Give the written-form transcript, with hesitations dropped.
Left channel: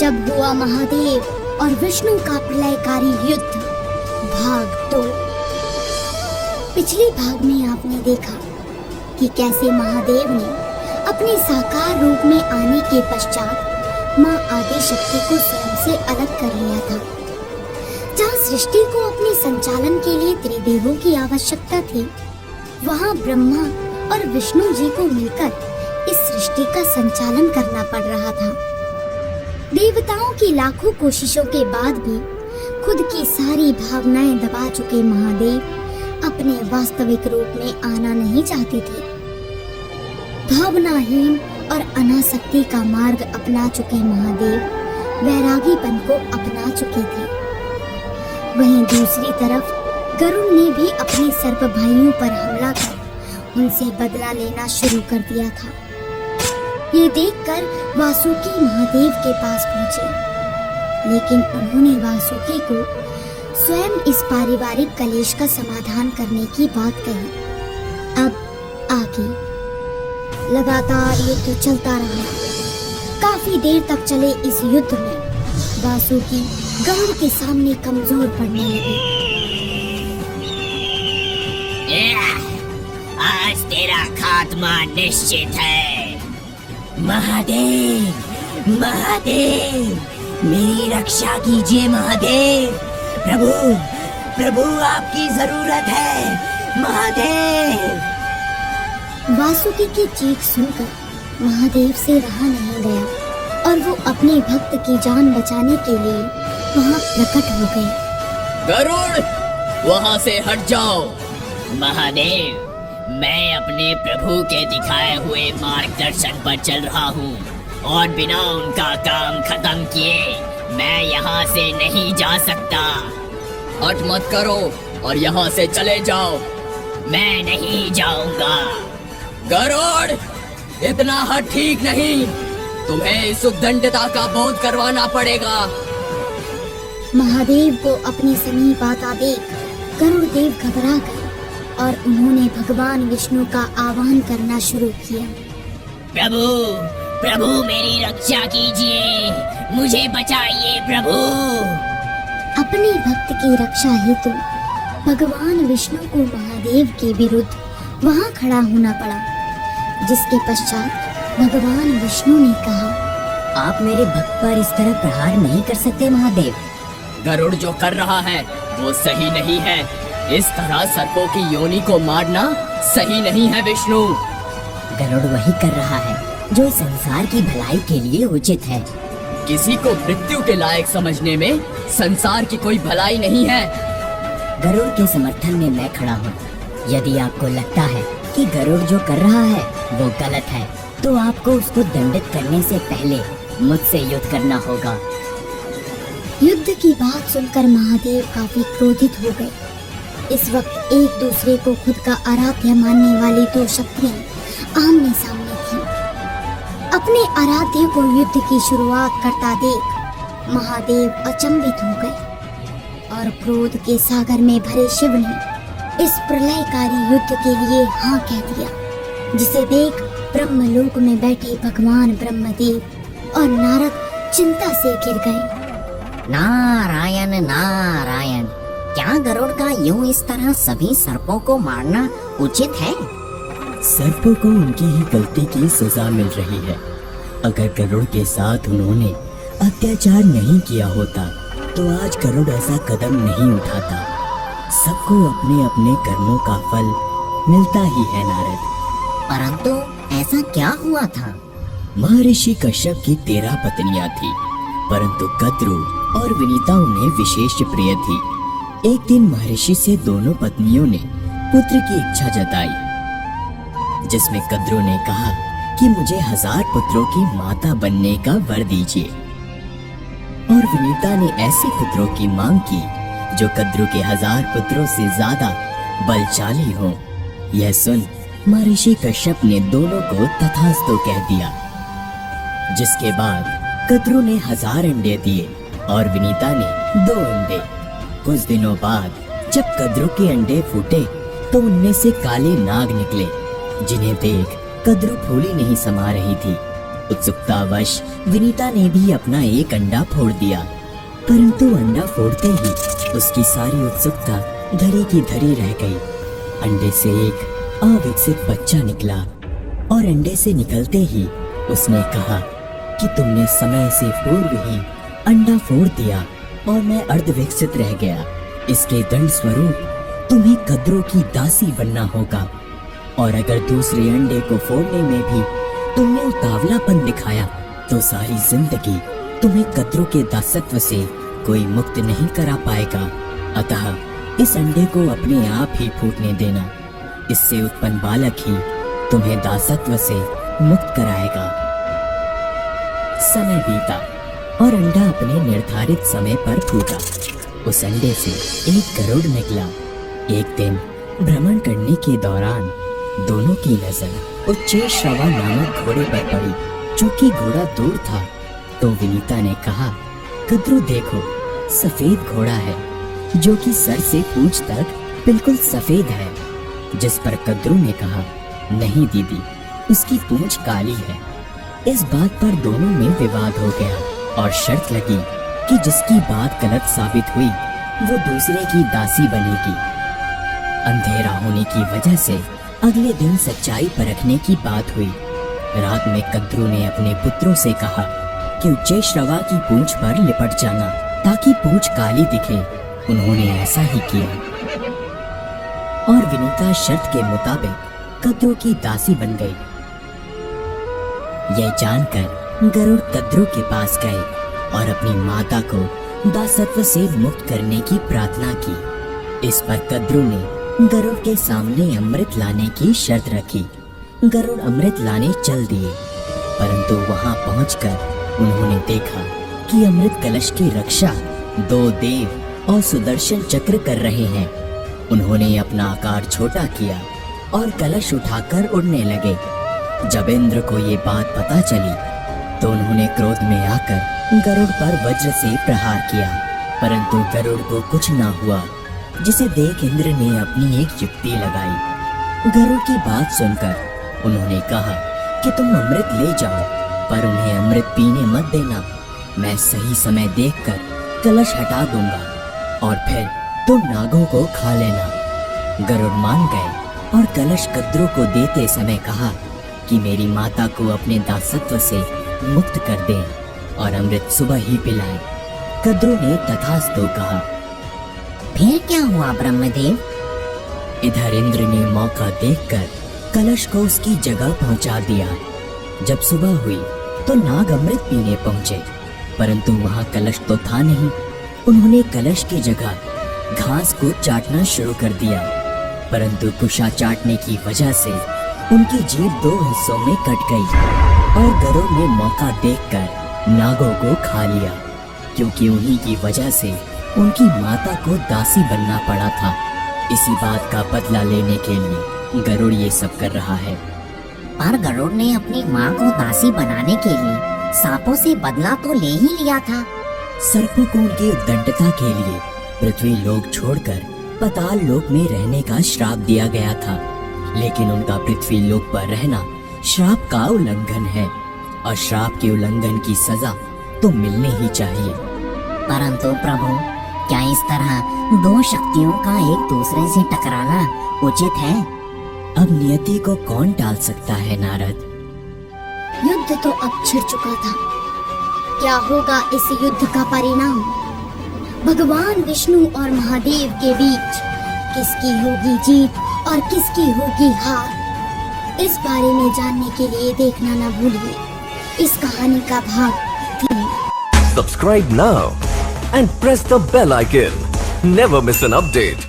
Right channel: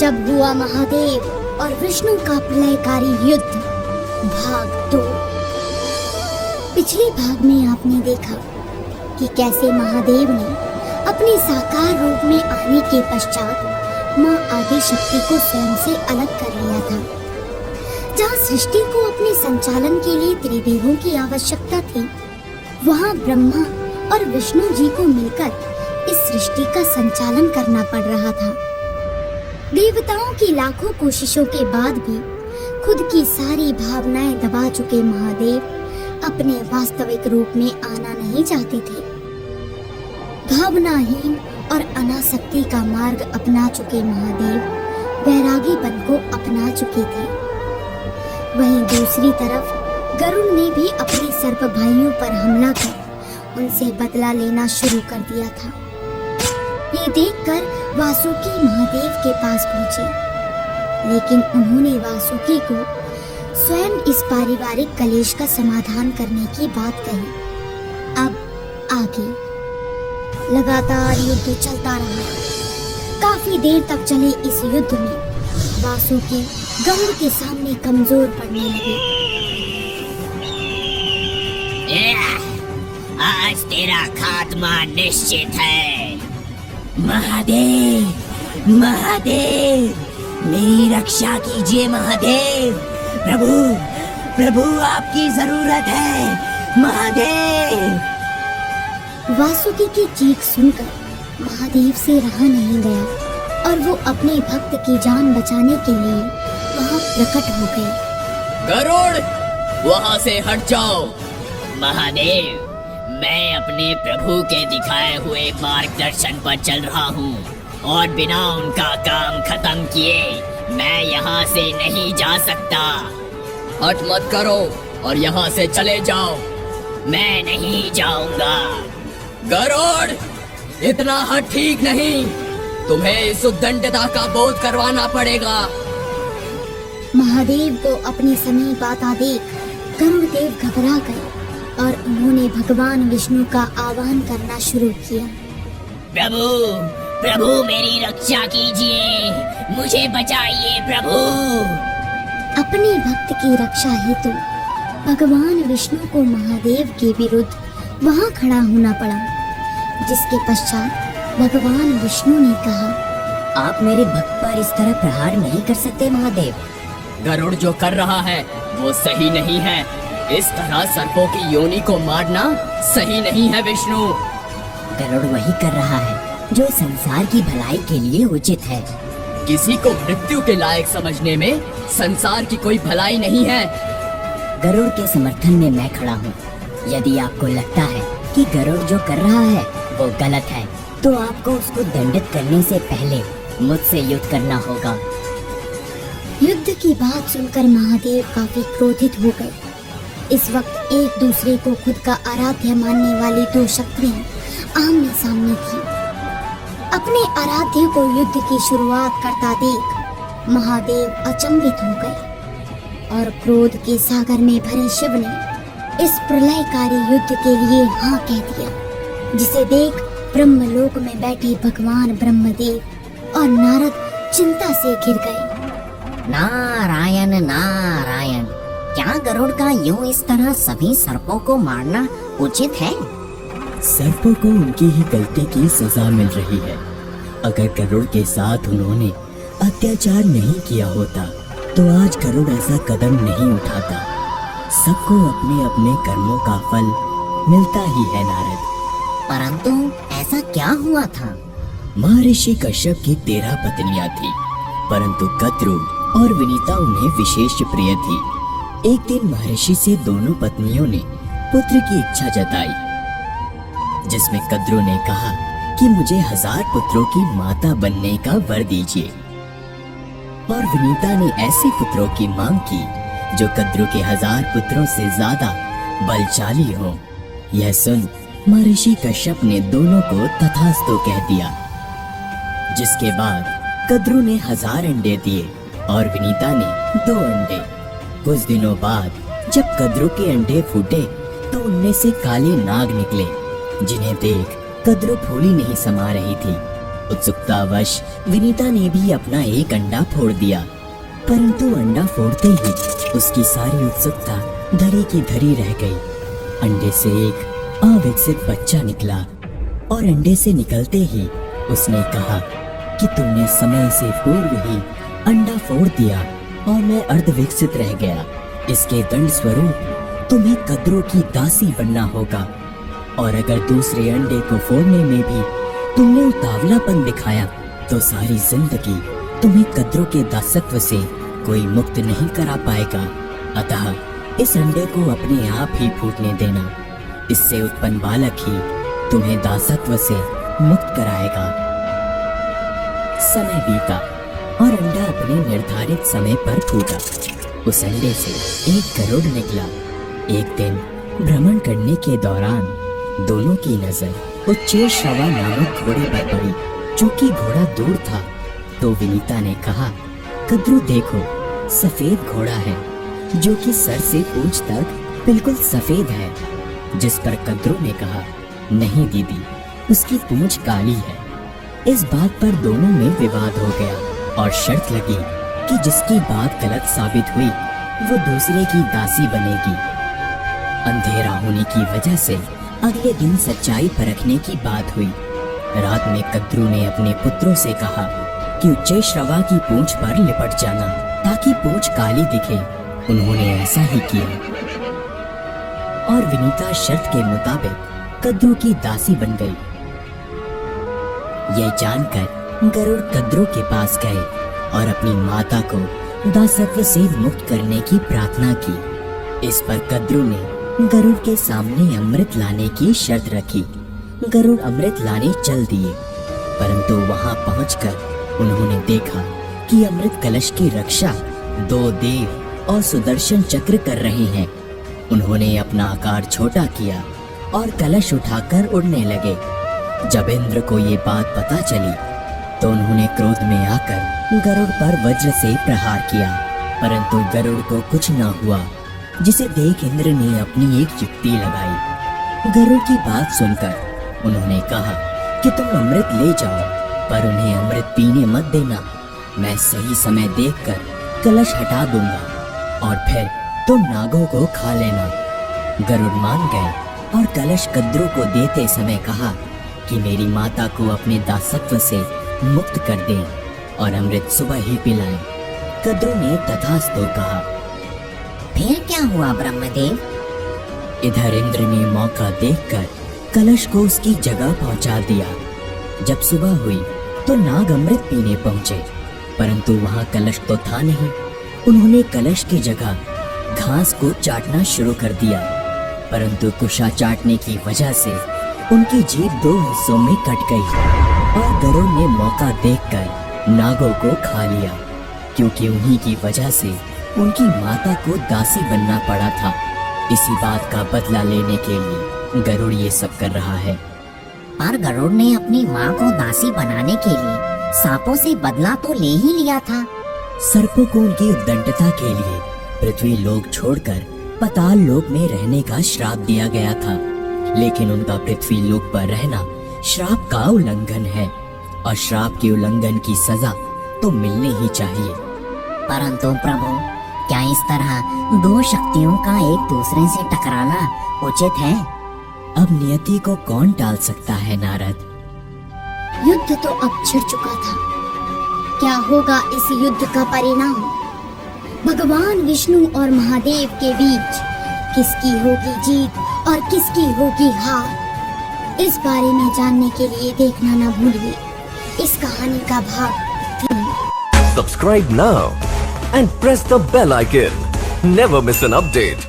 जब हुआ महादेव और विष्णु का प्रलयकारी युद्ध, भाग 2। पिछले भाग में आपने देखा कि कैसे महादेव ने अपने साकार रूप में आने के पश्चात मां आदि शक्ति को स्वयं से अलग कर लिया था। जहाँ सृष्टि को अपने संचालन के लिए त्रिदेवों की आवश्यकता थी, वहाँ ब्रह्मा और विष्णु जी को मिलकर इस सृष्टि का संचालन करना पड़ रहा था। देवताओं की लाखों कोशिशों के बाद भी खुद की सारी भावनाएं दबा चुके महादेव अपने वास्तविक रूप में आना नहीं चाहते थे। भावनाहीन और अनासक्ति का मार्ग अपना चुके महादेव वैरागीपन को अपना चुके थे। वहीं दूसरी तरफ गरुड़ ने भी अपने सर्प भाइयों पर हमला कर उनसे बदला लेना शुरू कर दिया था। ये देखकर वासुकी महादेव के पास पहुंचे, लेकिन उन्होंने वासुकी को स्वयं इस पारिवारिक कलेश का समाधान करने की बात कही। अब आगे लगातार युद्ध चलता रहा। काफी देर तक चले इस युद्ध में वासुकी गरुड़ के सामने कमजोर पड़ने लगे। आज तेरा खात्मा निश्चित है। महादेव, महादेव, मेरी रक्षा कीजिए महादेव। प्रभु, प्रभु आपकी जरूरत है महादेव। वासुकी की चीख सुनकर महादेव से रहा नहीं गया और वो अपने भक्त की जान बचाने के लिए वहाँ प्रकट हो गए। गरुड़, वहाँ से हट जाओ। महादेव, मैं अपने प्रभु के दिखाए हुए मार्गदर्शन पर चल रहा हूँ और बिना उनका काम खत्म किए मैं यहाँ से नहीं जा सकता। हट मत करो और यहाँ से चले जाओ। मैं नहीं जाऊंगा। गरुड़, इतना हट ठीक नहीं। तुम्हें सुदंडता का बोध करवाना पड़ेगा। महादेव को अपनी समीप आता देख गरुड़देव घबरा गए और उन्होंने भगवान विष्णु का आह्वान करना शुरू किया। प्रभु, प्रभु मेरी रक्षा कीजिए, मुझे बचाइए प्रभु। अपने भक्त की रक्षा हेतु भगवान विष्णु को महादेव के विरुद्ध वहाँ खड़ा होना पड़ा, जिसके पश्चात भगवान विष्णु ने कहा, आप मेरे भक्त पर इस तरह प्रहार नहीं कर सकते महादेव। गरुड़ जो कर रहा है वो सही नहीं है। इस तरह सर्पों की योनि को मारना सही नहीं है विष्णु। गरुड़ वही कर रहा है जो संसार की भलाई के लिए उचित है। किसी को मृत्यु के लायक समझने में संसार की कोई भलाई नहीं है। गरुड़ के समर्थन में मैं खड़ा हूँ। यदि आपको लगता है कि गरुड़ जो कर रहा है वो गलत है, तो आपको उसको दंडित करने से पहले मुझसे युद्ध करना होगा। युद्ध की बात सुनकर महादेव काफी क्रोधित हो गए। इस वक्त एक दूसरे को खुद का आराध्य मानने वाली दो शक्तियां आमने सामने थीं। अपने आराध्य को युद्ध की शुरुआत करता देख महादेव अचंभित हो गए और क्रोध के सागर में भरे शिव ने इस प्रलयकारी युद्ध के लिए हाँ कह दिया, जिसे देख ब्रह्मलोक में बैठे भगवान ब्रह्मदेव और नारद चिंता से घिर गए। नारायण नारायण, क्या गरुड़ का यूं इस तरह सभी सर्पों को मारना उचित है? सर्पों को उनकी ही गलती की सजा मिल रही है। अगर गरुड़ के साथ उन्होंने अत्याचार नहीं किया होता तो आज गरुड़ ऐसा कदम नहीं उठाता। सबको अपने अपने कर्मों का फल मिलता ही है नारद। परंतु ऐसा क्या हुआ था? महर्षि कश्यप की 13 पत्नियां थी, परंतु कद्रु और विनीता उन्हें विशेष प्रिय थी। एक दिन महर्षि से दोनों पत्नियों ने पुत्र की इच्छा जताई, जिसमें कद्रु ने कहा कि मुझे 1000 पुत्रों की माता बनने का वर दीजिए, और विनीता ने ऐसे पुत्रों की मांग की जो कद्रु के 1000 पुत्रों से ज्यादा बलशाली हों। यह सुन महर्षि कश्यप ने दोनों को तथास्तु कह दिया, जिसके बाद कद्रु ने 1000 अंडे दिए और विनीता ने 2 अंडे। कुछ दिनों बाद जब कद्रु के अंडे फूटे तो उनमें से काले नाग निकले, जिन्हें देख कद्रु फूली नहीं समा रही थी। उत्सुकतावश विनीता ने भी अपना एक अंडा फोड़ दिया, परंतु अंडा फोड़ते ही उसकी सारी उत्सुकता धरी की धरी रह गई। अंडे से एक अविकसित बच्चा निकला और अंडे से निकलते ही उसने कहा कि तुमने समय से पूर्व ही अंडा फोड़ दिया और मैं अर्धविकसित रह गया। इसके दंड स्वरूप तुम्हें कद्रों की दासी बनना होगा, और अगर दूसरे अंडे को फोड़ने में भी तुमने उतावलापन दिखाया तो सारी जिंदगी तुम्हें कद्रों के दासत्व से कोई मुक्त नहीं करा पाएगा। अतः इस अंडे को अपने आप ही फूटने देना, इससे उत्पन्न बालक ही तुम्हें दासत्व से मुक्त कराएगा। समय बीता और अंडा अपने निर्धारित समय पर फूटा। उस अंडे से एक गरुड़ निकला। एक दिन भ्रमण करने के दौरान दोनों की नजर उच्चैश्रवा नामक घोड़े पर पड़ी, चूंकि घोड़ा दूर था तो विनीता ने कहा, कद्रू देखो, सफेद घोड़ा है जो कि सर से पूंछ तक बिल्कुल सफेद है। जिस पर कद्रू ने कहा, नहीं दीदी, उसकी पूंछ काली है। इस बात पर दोनों में विवाद हो गया और शर्त लगी कि जिसकी बात गलत साबित हुई वो दूसरे की दासी बनेगी। अंधेरा होने की वजह से अगले दिन सच्चाई परखने की बात हुई। रात में कद्रू ने अपने पुत्रों से कहा कि उच्चैश्रवा की पूंछ पर लिपट जाना ताकि पूंछ काली दिखे। उन्होंने ऐसा ही किया और विनीता शर्त के मुताबिक कद्रू की दासी बन गई। यह जानकर गरुड़ कद्रू के पास गए और अपनी माता को दासत्व से मुक्त करने की प्रार्थना की। इस पर कद्रू ने गरुड़ के सामने अमृत लाने की शर्त रखी। गरुड़ अमृत लाने चल दिए, परंतु वहां पहुंचकर उन्होंने देखा कि अमृत कलश की रक्षा 2 देव और सुदर्शन चक्र कर रहे हैं। उन्होंने अपना आकार छोटा किया और कलश उठाकर उड़ने लगे। जब इंद्र को ये बात पता चली तो उन्होंने क्रोध में आकर गरुड़ पर वज्र से प्रहार किया, परंतु गरुड़ को कुछ न हुआ, जिसे देख इंद्र ने अपनी एक युक्ति लगाई। गरुड़ की बात सुनकर उन्होंने कहा कि तुम अमृत ले जाओ, पर उन्हें अमृत पीने मत देना। मैं सही समय देखकर कलश हटा दूंगा और फिर तुम नागों को खा लेना। गरुड़ मान गए और कलश कद्रू को देते समय कहा कि मेरी माता को अपने दासत्व से मुक्त कर दे और अमृत सुबह ही पिलाए। कद्रू ने तथास्तु कहा। फिर क्या हुआ ब्रह्मदेव? इधर इंद्र ने मौका देखकर कलश को उसकी जगह पहुंचा दिया। जब सुबह हुई तो नाग अमृत पीने पहुंचे, परंतु वहां कलश तो था नहीं। उन्होंने कलश की जगह घास को चाटना शुरू कर दिया, परंतु कुशा चाटने की वजह से उनकी जीभ 2 हिस्सों में कट गई और गरुड़ ने मौका देखकर नागों को खा लिया, क्योंकि उन्हीं की वजह से उनकी माता को दासी बनना पड़ा था। इसी बात का बदला लेने के लिए गरुड़ ये सब कर रहा है। पर गरुड़ ने अपनी माँ को दासी बनाने के लिए सांपों से बदला तो ले ही लिया था। सर्पों को उनकी उद्दंडता के लिए पृथ्वी लोक छोड़कर पाताल लोक में रहने का श्राप दिया गया था, लेकिन उनका पृथ्वी लोक पर रहना श्राप का उल्लंघन है और श्राप के उल्लंघन की सजा तो मिलने ही चाहिए। परंतु प्रभु, क्या इस तरह 2 शक्तियों का एक दूसरे से टकराना उचित है? अब नियति को कौन टाल सकता है नारद? युद्ध तो अब छिड़ चुका था। क्या होगा इस युद्ध का परिणाम? भगवान विष्णु और महादेव के बीच किसकी होगी जीत और किसकी होगी हार? इस बारे में जानने के लिए देखना न भूलिए इस कहानी का भाग 3। Subscribe now and press the bell icon. Never miss an update.